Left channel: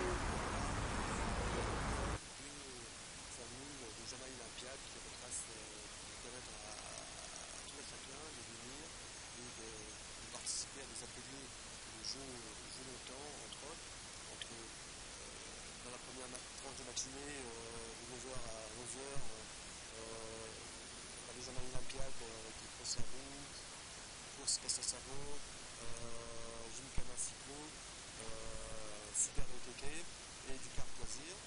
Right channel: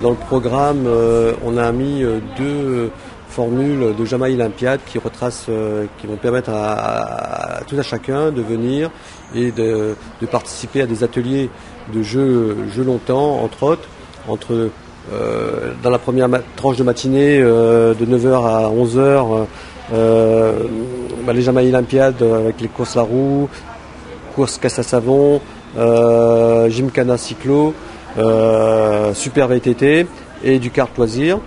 Dans le programme, on a mis deux formules de Jamaï Olympiade qui retracent, qui vont permettre à tout à chacun de venir et de participer à des ateliers de jeux longtemps, entre autres, dans la première tranche de matinée de 9 heures à 11 heures, les Jamaï Olympiades avec les courses la roue, courses caisse à savon, gymkhana cyclo, super VTT et du kart loisir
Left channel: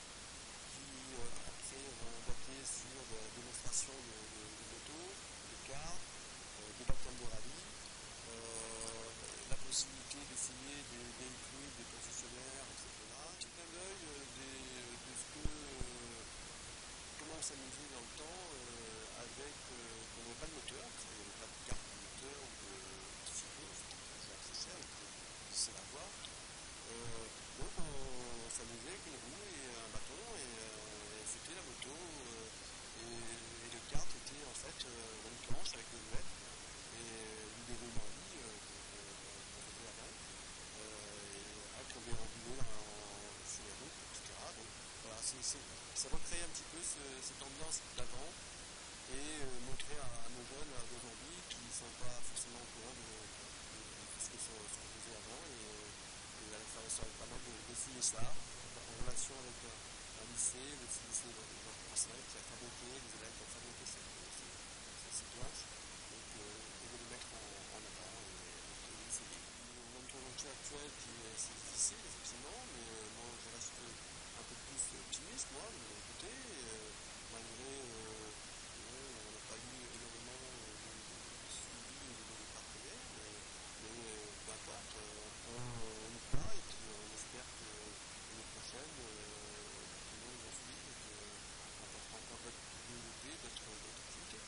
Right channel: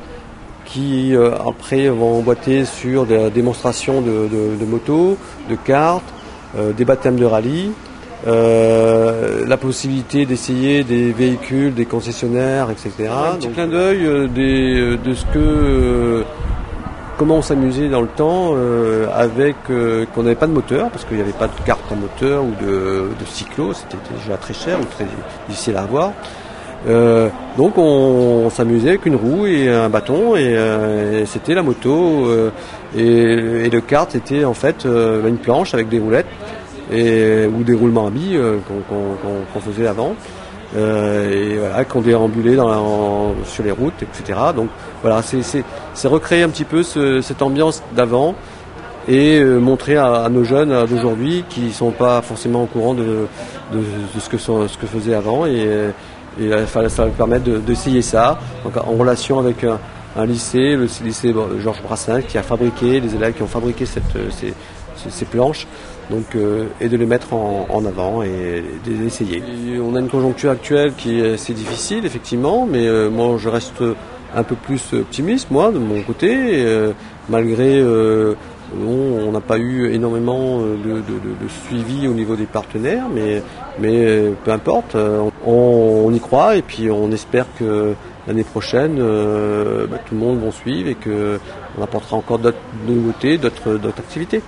qui après vont emboîter sur des démonstrations de motos, de karts, des baptêmes de rallye, la possibilité d'essayer des véhicules, des concessionnaires, etc. Un petit clin d'œil de ce que comment on s'amusait dans le temps avec qu'on n'avait pas de moteur parce qu'il n'y avait pas de carte à moteur ou de cyclo, c'était déjà très cher ou très difficile à avoir. Donc on s'amusait avec une roue et un bâton et c'était la moto et le kart c'était en fait une planche avec des roulettes ou des roulements à billes qu'on faisait avant et voilà, qu'on déambulait sur les routes, etc. Donc voilà, c'est recréer un petit peu cette ambiance d'avant et montrer à nos jeunes d'aujourd'hui qui ne sont pas forcément au courant de ce que faisait avant et ça va permettre d'essayer ça donc, en relation avec un lycée, le lycée Georges Brassens qui a fabriqué, les élèves qui ont fabriqué ces planches donc, et de les mettre en avant et d'essayer. On a une conjoncture actuelle qui est assez difficile effectivement, mais moi je reste un peu plus optimiste moi de mon côté, malgré on n'a pas eu énormément de suivi au niveau des partenaires, mais peu importe, on y croit et puis on espère que l'année prochaine, tout le monde va suivre et qu'on apportera encore d'autres nouveautés, d'autres activités.